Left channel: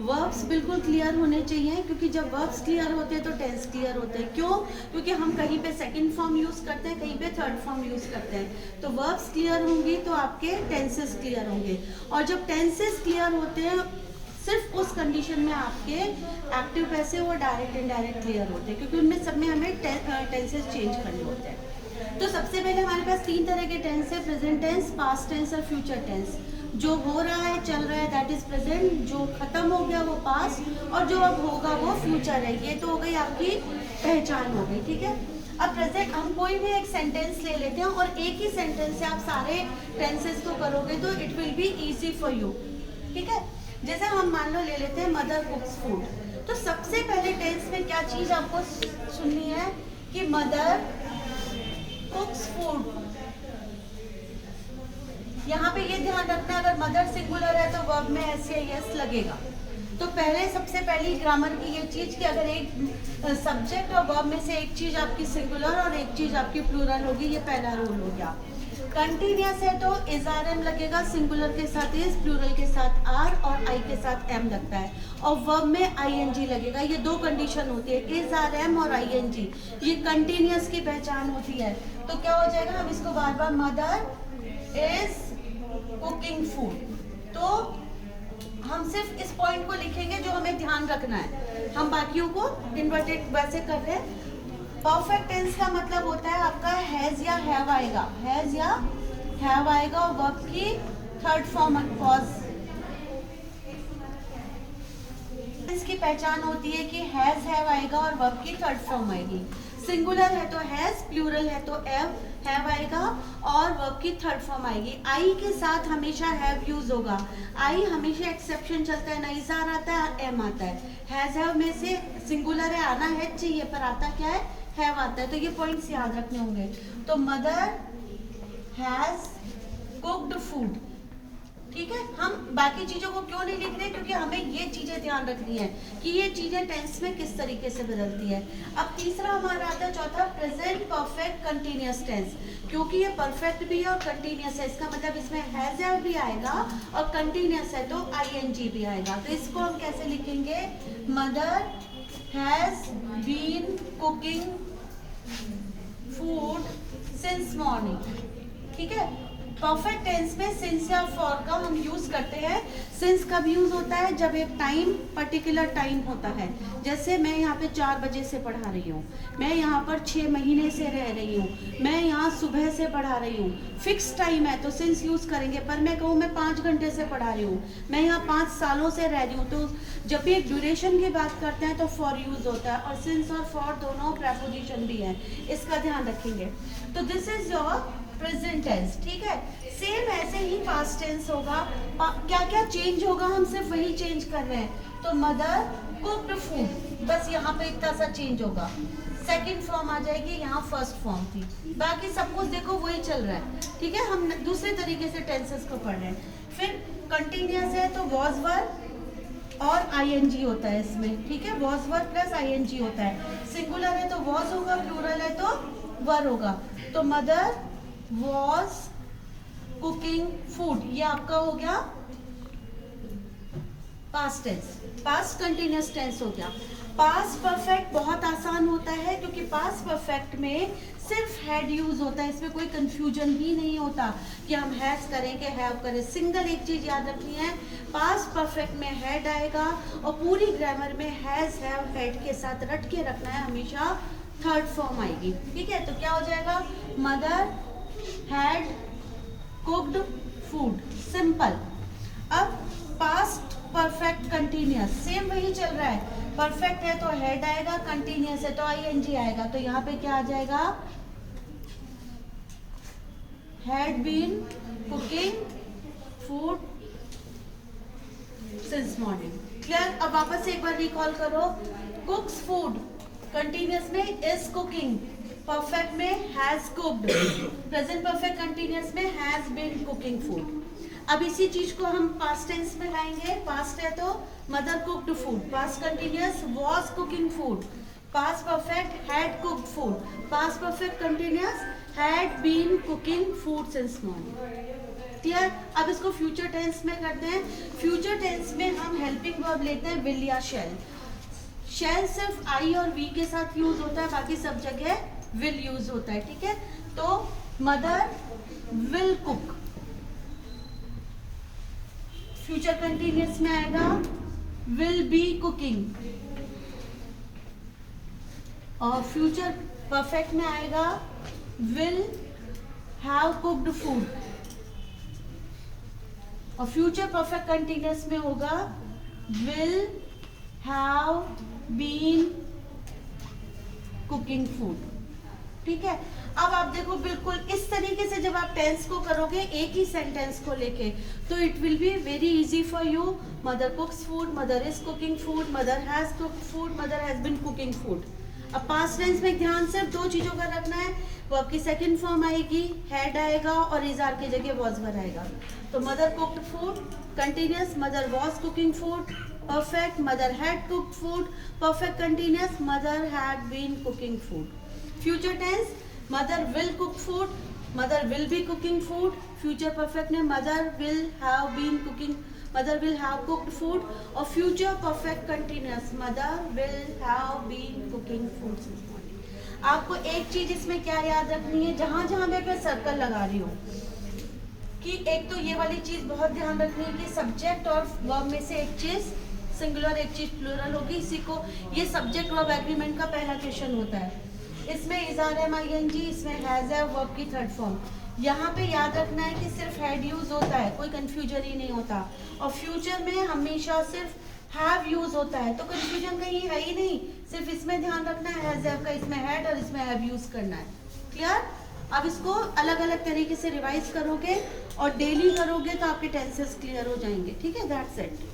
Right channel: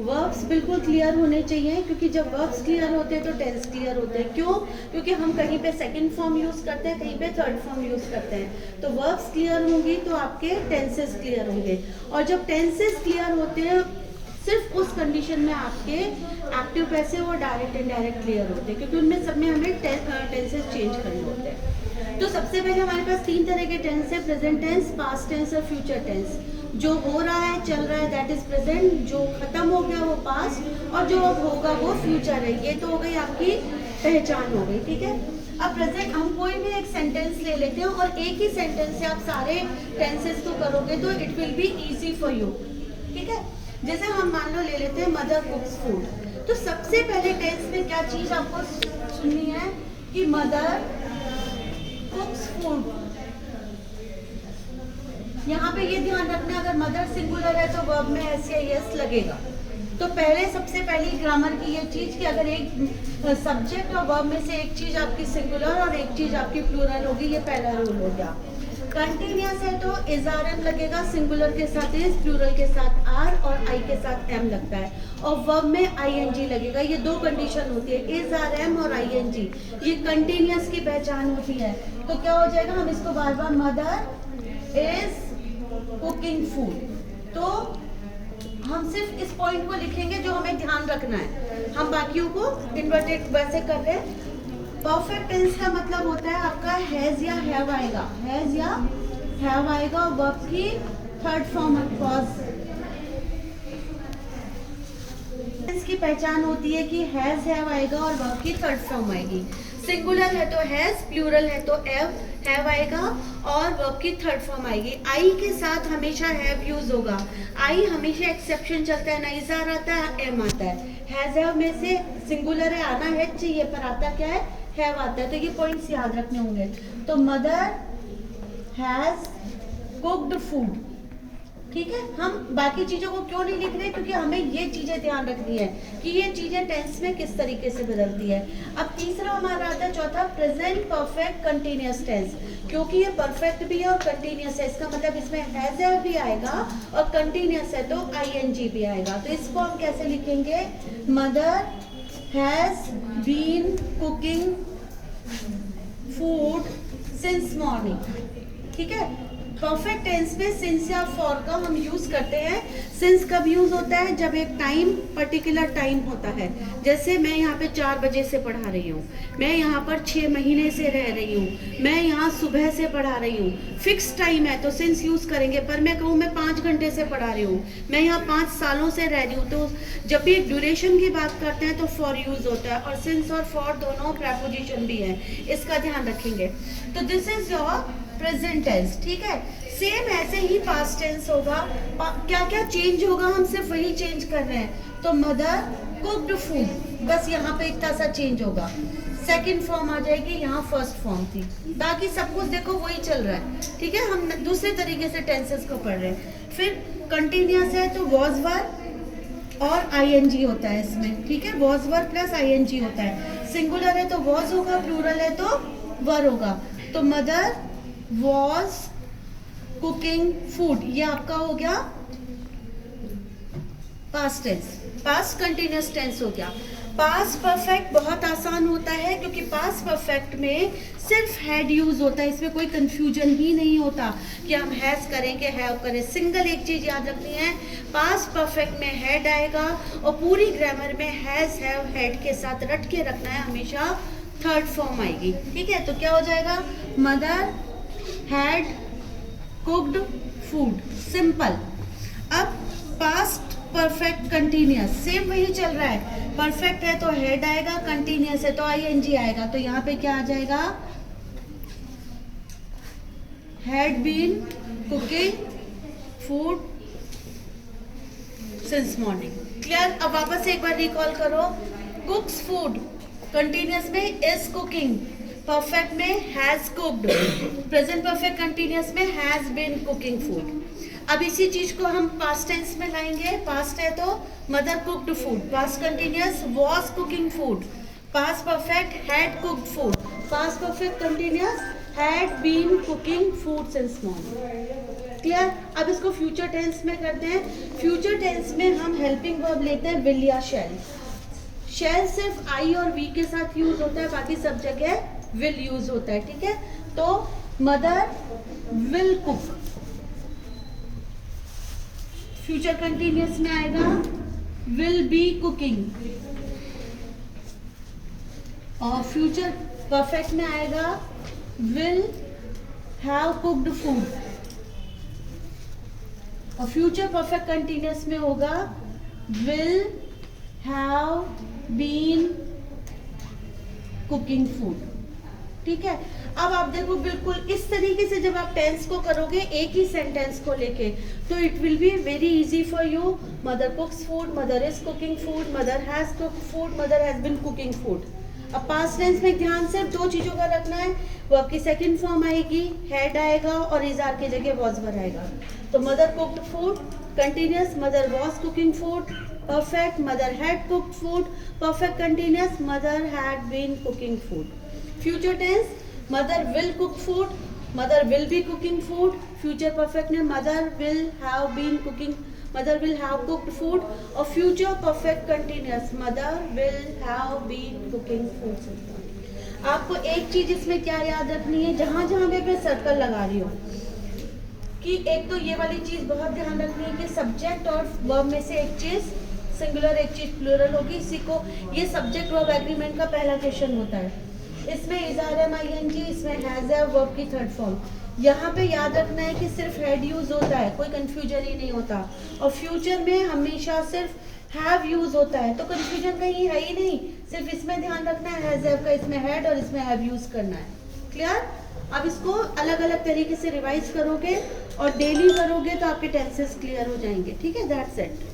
Verbs बिल्कुल clear होने चाहिए, क्योंकि जब वर्ब्स क्लियर होते हैं तो टेंस क्लियर होते हैं। क्यों? क्योंकि हम कहीं पे सेकंड फॉर्म यूज़ करते हैं, कहीं पे थर्ड फॉर्म यूज़ करते हैं। तो वर्ब्स क्लियर होंगी तो आपके टेंसेस क्लियर होंगे, और जब टेंसेस क्लियर होते हैं सिर्फ उस कंडीशन में आपके एक्टिव पैसे और डायरेक्ट इनडायरेक्ट क्लियर होते हैं, क्योंकि उनमें सब में हमें टेंसेस चेंज करने होते हैं। तो सबसे पहले हमारे पास 3 तरह के टेंस है, प्रेजेंट टेंस, पास्ट टेंस और फ्यूचर टेंस। जो हो रहा है, चल रहा है, दैट इज प्रेजेंट, जो खत्म हो गया वो पास्ट, और जो अब होगा वो फ्यूचर है। ये तो हो गई आपकी पहचान हो गई, ठीक है। अब प्रेजेंट हम कोई भी एक सेंटेंस ले लेते हैं और एक ही सेंटेंस से आप सारे टेंसेस को करोगे तो it will be easy for you, ठीक है। जैसे हम मान लो ले लेते हैं मदर कुक्स फूड, तो सबसे पहले टेंस में क्या चीज आपको सुननी है कि मदर कुक्स फूड। यहाँ पे ये ध्यान रखना, अगर मदर सिंगुलर है तो वर्ब में एस या यस लगेगा। तो पहले सबसे पहली ग्रामर की ये चीज कि अगर एक सब्जेक्ट और वर्ब में से एक चीज आपकी सिंगुलर और एक चीज आपकी प्लूरल होगी, ये पहला रूल हो गया। कंटिन्यूअस है तो इज आर एम लगेगा, सिंगुलर के साथ इज, प्लूरल के साथ आर और आई के साथ एम लगता है, और वर्ब में आई एन जी लगेगा। ये दो कंडीशन होती है, इज आर एम और आई एन जी, ये कंटिन्यूअस की पहचान होती है। तो क्या हो जाएगा, हम इसको बार बार मदर इज कुकिंग फूड, तो हम सिर्फ इस पॉइंट को लिखेंगे जो हमें ध्यान रखना है, हम बाकियों को इन्वर्टेड वैसे कर रहे हैं। परफेक्ट टेंस का मतलब होता है आपका हैज या हैव आएगा, हैज या हैव आएगा, और वर्ब की थर्ड फॉर्म वॉज। इसकी पहचान होती है कि हैज हैव आएगा और वर्ब की थर्ड फॉर्म आएगी। सिंगुलर है तो हैज, प्लूरल है तो हैव आएगा और वर्ब की थर्ड फॉर्म आएगी। आई के साथ हमेशा हैव यूज होगा, आई हमेशा एक्सेप्शन चलता है, ना इज़ार आता है एम आता है। हैज हैव में से सिंगुलर है, आना है चाहिए, पर आता क्या है, हैव आता है। तो ये पॉइंट्स याद रखने होंगे। तो मदर हैज कुक्ड फूड, ठीक है। हम बाकी चीजों को क्यों नहीं लिख रहे, क्योंकि हमें ये चीजें ध्यान रखनी है कि ये चीजें टेंस में किस तरीके से बदलती है। अब तीसरा हमारा आता है चौथा, प्रेजेंट परफेक्ट कंटिन्यूअस टेंस। क्योंकि ये परफेक्ट भी है और कंटिन्यूअस है, इसका मतलब इसमें हैज हैव भी आएगा और कंटिन्यूअस है तो आईएनजी भी आएगा। तो इसको हम कैसे लिखेंगे, mother has been cooking food since morning, ठीक है। परफेक्ट टेंस में सिंस या फॉर का हम यूज करते हैं। सिंस कब यूज होता है, जब एक टाइम पर्टिकुलर टाइम होता है। जैसे मैं यहाँ पे 4 बजे से पढ़ा रही हूँ, मैं यहाँ पर 6 महीने से रह रही हूँ, मैं यहाँ सुबह से पढ़ा रही हूँ, फिक्स टाइम है तो सिंस यूज करेंगे। पर मैं कहूँ मैं 5 घंटे से पढ़ा रही हूँ, मैं यहाँ 5 सालों से रह रही हूँ, तो जब भी एक ड्यूरेशन की बात करते हैं तो फॉर यूज होता है, और सिंस और फॉर दोनों प्रेपोजिशन भी है, इसका ध्यान रखेंगे। तो this is your present tense, ठीक है। सेम ऐसे ही पास्ट टेंस होगा, क्या क्या चेंज होगा, हम सिर्फ वही चेंज कर रहे हैं। तो मदर कुक्ड फूड, बस यहाँ पे इतना सा चेंज होगा, सेकंड फॉर्म आ जाएगी, यहाँ फर्स्ट फॉर्म थी, बाकी सब कुछ देखो वही चल रहा है, ठीक है। हम दूसरे तरीके से टेंसेस को पढ़ रहे हैं। फिर कंटिन्यूअस है तो वॉज वर और आईएनजी होता है इसमें, ठीक है, वॉज वर प्लस आईएनजी होता है। सिंगुलर है तो वॉज होगा, प्लूरल है तो वर होगा। तो मदर वॉज कुकिंग फूड, ये आपका हो गया past tense, past continuous tense हो गया। पास्ट परफेक्ट बहुत आसान होता है, क्योंकि पास्ट परफेक्ट में सिर्फ हैड यूज होता है, इसमें कोई कंफ्यूजन ही नहीं होता कि हम हैज करें कि हैव करें। सिंगल एक चीज याद रखनी है, पास्ट परफेक्ट में हैड आएगा और पूरी ग्रामर में हैज हैव हैड के साथ रट के रखना है, हमेशा थर्ड फॉर्म आएगी, ठीक है। तो क्या हो जाएगा, mother had cooked food, simple. अब पास्ट परफेक्ट कंटिन्यूअस, सेम वही चल रहा है, परफेक्ट है तो हेड आएगा, कंटिन्यूअस है तो आईएनजी आएगा। तो यहाँ पे क्या आ जाएगा, had been cooking food since morning. Clear. अब वापस एक बार रिकॉल करो, कुक्स फूड कंटिन्यूअस में इज कुकिंग, परफेक्ट में has cooked, present perfect continuous में हैज बीन कुकिंग फूड। अब इसी चीज को हम पास्ट टेंस में लाएंगे। पास्ट है तो mother cooked food, past continuous was cooking food, past perfect had cooked food, past perfect continuous had been cooking food since morning. Clear. अब इसको फ्यूचर टेंस में करते हैं। फ्यूचर टेंस में हम हेल्पिंग वर्ब लेते हैं विल या शैल। शैल सिर्फ आई और वी के साथ यूज होता है, बाकी सब जगह विल यूज होता है, ठीक है। तो mother will cook, future continuous में आएगा विल बी कुकिंग, और फ्यूचर परफेक्ट में आएगा विल हैव कुक्ड फूड, और फ्यूचर परफेक्ट कंटिन्यूअस में होगा will have been cooking food, ठीक है। अब आप देखो बिल्कुल इस तरीके से जब आप टेंस को करोगे एक ही सेंटेंस को लेके, तो it will be very easy for you. Mother cooks food, mother is cooking food, mother has cooked food, mother has been cooking food. अब पास्ट टेंस में ध्यान सिर्फ दो चीजों का रखना है, वो आपकी सेकंड फॉर्म आएगी, हैड आएगा और इज आर की जगह वॉज वर आएगा। तो mother cooked food continuous, mother was cooking food perfect, mother had cooked food perfect continuous, mother had been cooking food. Future tense mother will cook food, mother will be cooking food, future perfect में mother will have been cooking, mother will have cooked food, और future perfect continuous mother will have been cooking food. आपको एक चीज इसमें क्या याद रखनी है, जहां जहां मैं सर्कल लगा रही हूँ, कि एक तो ये वाली चीज बहुत ध्यान रखनी है कि सब्जेक्ट और वर्ब में से एक चीज सिंगुलर एक चीज प्लूरल होगी। इसी को ये सब्जेक्ट वर्ब एग्रीमेंट का पहला क्वेश्चन होता है। इसमें is are am I N G, इसमें हैज है वर्ब की थर्ड फॉर्म। यहाँ पे याद रखना है कि सिर्फ हैड यूज होता है, कोई कंफ्यूजन ही नहीं होता, और फ्यूचर में हमेशा सिर्फ हैव यूज होता है, तो कंफ्यूजन कहीं है ही नहीं। सिर्फ इसमें ध्यान रखना है हैज हैव का इसमें हैड और इसमें हैव यूज करना है, क्लियर। अब इसको अलग अलग तरीके से रिवाइज करोगे और डेली करोगे तो आपके टेंसेस क्लियर हो जाएंगे, ठीक है। That's it.